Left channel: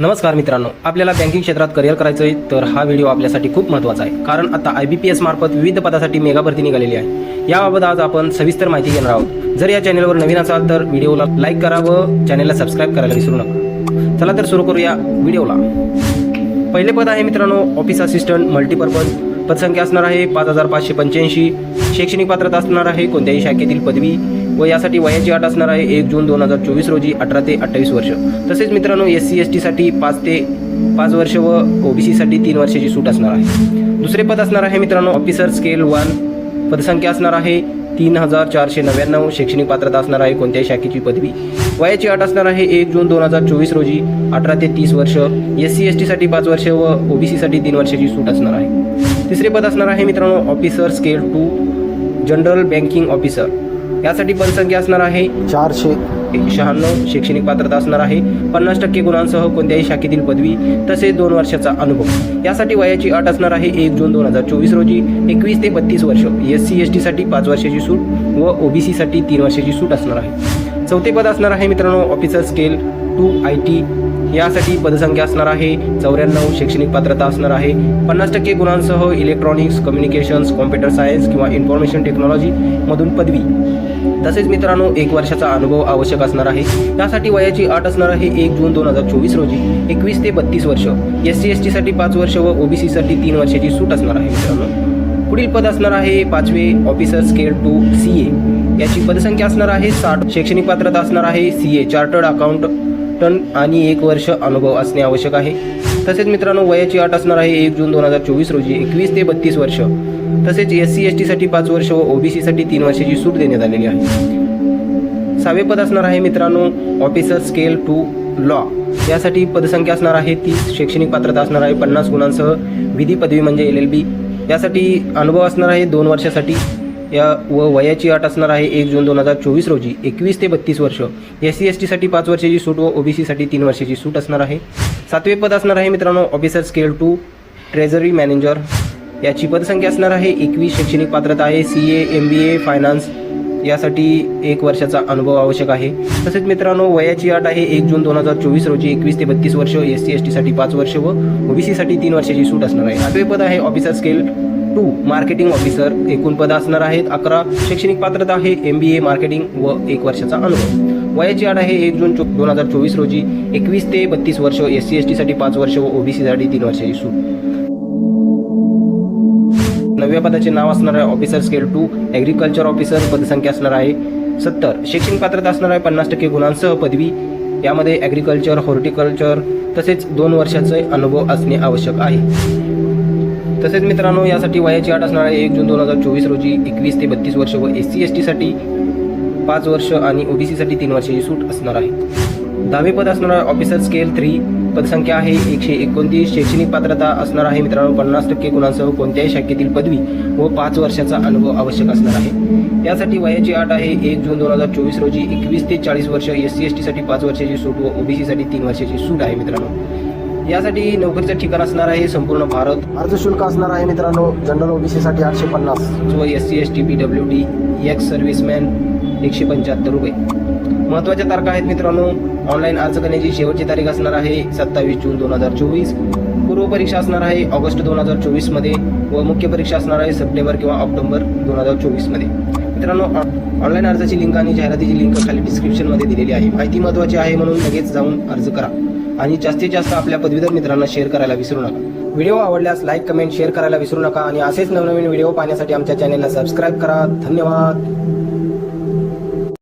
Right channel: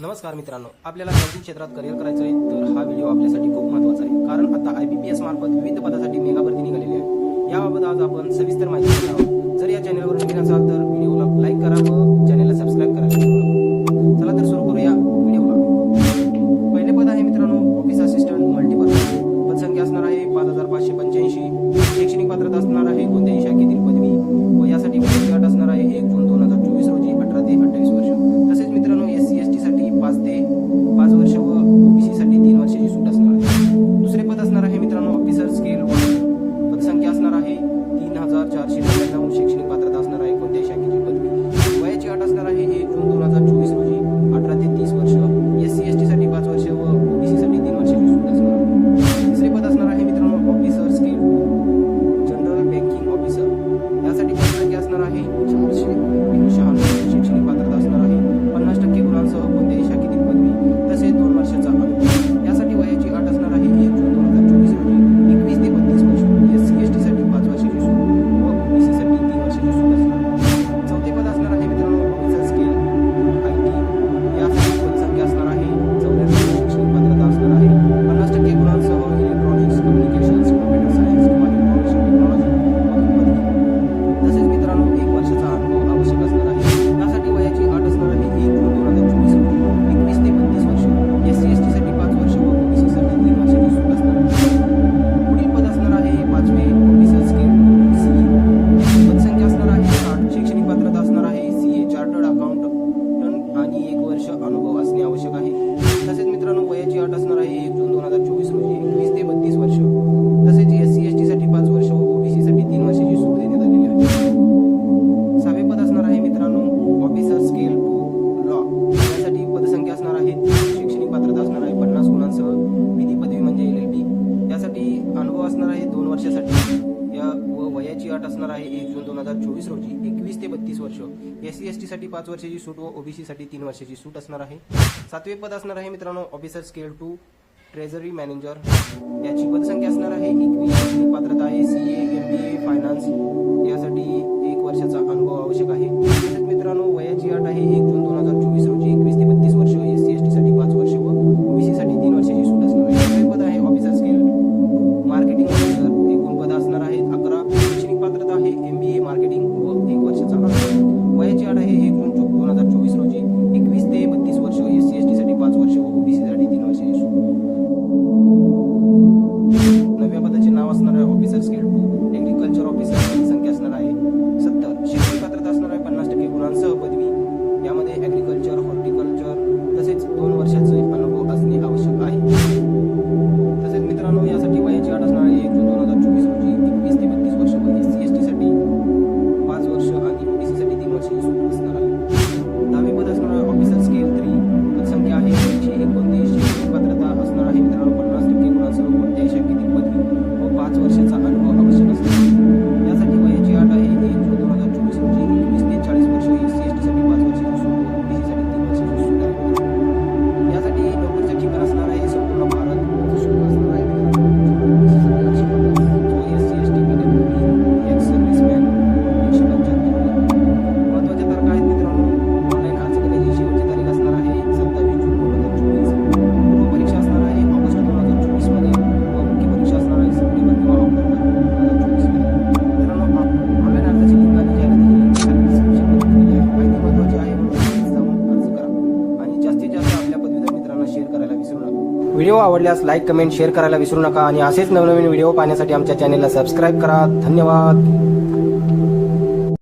नमस्कार मित्रांनो आपल्याला बँकिंग क्षेत्रात करिअर करायचं आहे तर हा व्हिडिओ आपल्यासाठी खूप महत्त्वाचा आहे. कारण आता आय बी पी एस मार्फत विविध पदासाठी मेगा भरती निघालेली आहे. याबाबत आज आपण सविस्तर माहिती घेणार आहोत. जर या चॅनलवर नवीन असाल तर व्हिडिओला लाईक करा व चॅनलला सबस्क्राईब करायला विसरू नका. चला तर सुरू करूया व्हिडिओला पहिले पद आहे मित्रांनो ऑफिस असिस्टंट मल्टीपर्पज पदसंख्या असणार आहे पाच हजार पाचशे पंच्याऐंशी. शैक्षणिक पात्रता असणार आहे कोणत्याही शाखेतील पदवी व यासाठी वयाची अट असणार आहे एक जून दोन हजार चोवीस रोजी अठरा ते अठ्ठावीस वर्ष. तसेच मित्रांनो एस सी एस टीसाठी पाच ते पाच वर्ष व ओबीसीसाठी तीन वर्षाची सूट असणार आहे. दुसरे पद असणार आहे मित्रांनो ऑफिसर स्केल वन पदसंख्या असणार आहे तीन हजार चारशे नव्याण्णव. शैक्षणिक पात्रता असणार आहे कोणत्याही शाखेची पदवी. वयाची अट असणार आहे एक जून दोन हजार चोवीस रोजी अठरा ते तीस वर्ष. एस सी एस टीसाठी पाच वर्ष व ओबीसीसाठी तीन वर्षाची सूट असणार आहे. तिसरे पद असणार आहे मित्रांनो officer scale two general banking officer यासाठी पदसंख्या असणार आहे चारशे. शहाण्णव शैक्षणिक पात्रता असणार आहे पन्नास टक्के गुणांसह कोणत्याही शाखेतील पदवी तसेच दोन वर्षाचा अनुभव. यासाठी वयाची अट असणार आहे एक जून दोन हजार चोवीस रोजी. एकवीस ते बत्तीस वर्ष. एस सी एस टीसाठी पाच वर्षाची सूट व ओबीसीसाठी तीन वर्षाची सूट असणार आहे. चौथे पद असणार आहे मित्रांनो officer scale two I T यासाठी पदसंख्या असणार आहे. चौऱ्याण्णव शैक्षणिक पात्रता असणार आहे. पन्नास टक्के गुणांसह इलेक्ट्रॉनिक्स कम्युनिकेशन्स कॉम्प्युटर सायन्स किंवा इन्फॉर्मेशन टेक्नॉलॉजीमधून पदवी. तसेच मित्रांनो एक वर्षाचा अनुभव आवश्यक असणार आहे. त्यासाठी वयाची अट असणार आहे एक जून दोन हजार चोवीस रोजी. एकवीस ते बत्तीस वर्ष. एस सी एस टीसाठी पाच वर्ष व ओबीसीसाठी तीन वर्षाची सूट असणार आहे मित्रांनो. पुढील पद असणार आहे पाचवे officer scale two C A याची पदसंख्या असणार आहे साठ. शैक्षणिक पात्रता असणार आहे सी ए चार्टर्ड टन आणि एक वर्ष अनुभव असणे आवश्यक आहे. तसेच मित्रांनो वयाची अट असणार आहे एक जून दोन हजार चोवीस रोजी. एकवीस ते बत्तीस वर्ष. तसेच एस सी एस टीसाठी पाच वर्ष व ओबीसीसाठी तीन वर्षाची सूट देण्यात आलेली आहे. सहावे पद असणार आहे मित्रांनो ऑफिसर स्केल टू लॉ. यासाठी पदसंख्या असणार आहे तीस शैक्षणिक पात्रता असणार आहे पन्नास गुणांसह विधी पदवी म्हणजे एल एल बी. यासाठी अनुभव असणार आहे दोन वर्षासाठी. या व वयाची अट असणार आहे एक जून दोन हजार चोवीस रोजी. एकवीस ते बत्तीस वर्ष. एस सी एस टीसाठी पाच वर्षाची सूट व ओबीसीसाठी तीन वर्षाची सूट असणार आहे. सातवे पद असणार आहे मित्रांनो officer scale two treasury manager याची पदसंख्या असणार आहे एकवीस शैक्षणिक पात्रता आहे C A M B A finance यासाठी एक वर्षाचा अनुभव आवश्यक आहे. तसेच मित्रांनो वयाची अट आहे एक जून दोन हजार चोवीस रोजी. एकवीस ते बत्तीस वर्ष एस सी एस टीसाठी पाच वर्ष व ओबीसीसाठी तीन वर्षाची सूट असणार आहे. सातवे पद आहे officer scale two marketing officer एकूण पद असणार आहेत अकरा. शैक्षणिक पात्रता आहे एम बी ए मार्केटिंग व एक वर्षाचा अनुभव. वयाची अट आहे एक जून दोन हजार चोवीस रोजी. एकवीस ते बत्तीस वर्ष एस सी एस टीसाठी पाच वर्ष व ओबीसीसाठी तीन वर्ष सूट नव्या पदाचे नाव असणार आहे officer scale two agriculture officer पदसंख्या असणार आहे सत्तर. शैक्षणिक पात्रता असणार आहे पन्नास टक्के गुणांसह पदवी. यामध्ये ॲग्रिकल्चर हॉर्टिकल्चर तसेच दोन वर्षाचे अनुभव असणे आवश्यक आहे. तसेच मित्रांनो यासाठी वयाची अट असणार आहे एक जून दोन हजार चोवीस रोजी एकवीस ते बत्तीस वर्ष व एस सी एस टीसाठी पाच वर्ष आणि ओबीसीसाठी तीन वर्षाची सूट असणार आहे. दहावे पद असणार आहे ऑफिसर स्केल थ्री. पदसंख्या आहे एकशे एकोणतीस. शैक्षणिक पात्रता असणार आहे मित्रांनो पन्नास टक्के गुणांसह कोणत्याही शाखेतील पदवी व पाच वर्षाचा अनुभव आवश्यक असणार आहे. यासाठी वयाची अट आहे एक जून दोन हजार चोवीस रोजी एकवीस ते चाळीस वर्ष एस सी एस टीसाठी पाच वर्षाची सूट व ओबीसीसाठी तीन वर्षाची सूट आहे मित्रांनो. यासाठी नोकरीचं ठिकाण असणार आहे संपूर्ण भारत. अर्ज शुल्क असणार आहे मित्रांनो जनरल ओबीसीसाठी आठशे पन्नास. व S C S T P W D ex serviceman एकशे पंच्याहत्तर रुपये. महत्त्वाच्या तारखा आहेत मित्रांनो ऑनलाईन अर्ज करण्याची शेवटची तारीख असणार आहे सत्तावीस जून दोन हजार चोवीस. पूर्व परीक्षा असणार आहे ऑगस्ट दोन हजार चोवीसमध्ये व मुख्य परीक्षा असणार आहे सप्टेंबर किंवा ऑक्टोबर दोन हजार चोवीसमध्ये. मित्रांनो ऑनलाईन अर्जाची लिंक आणि जाहिरातीची लिंक खाली डिस्क्रिप्शनमध्ये दिलेली आहे. माहिती महत्त्वाची आहे म्हणून लगेच जाऊन अर्ज करा. आणि जास्तीत जास्त आपल्या पदवीधर मित्रांना शेअर करायला विसरू नका. व्हिडिओ आवडल्यास लाईक कमेंट शेअर करायला विसरू नका. आणि असेच नवनवीन व्हिडिओ पाहण्यासाठी आमच्या चॅनलला सबस्क्राईब करा. धन्यवाद.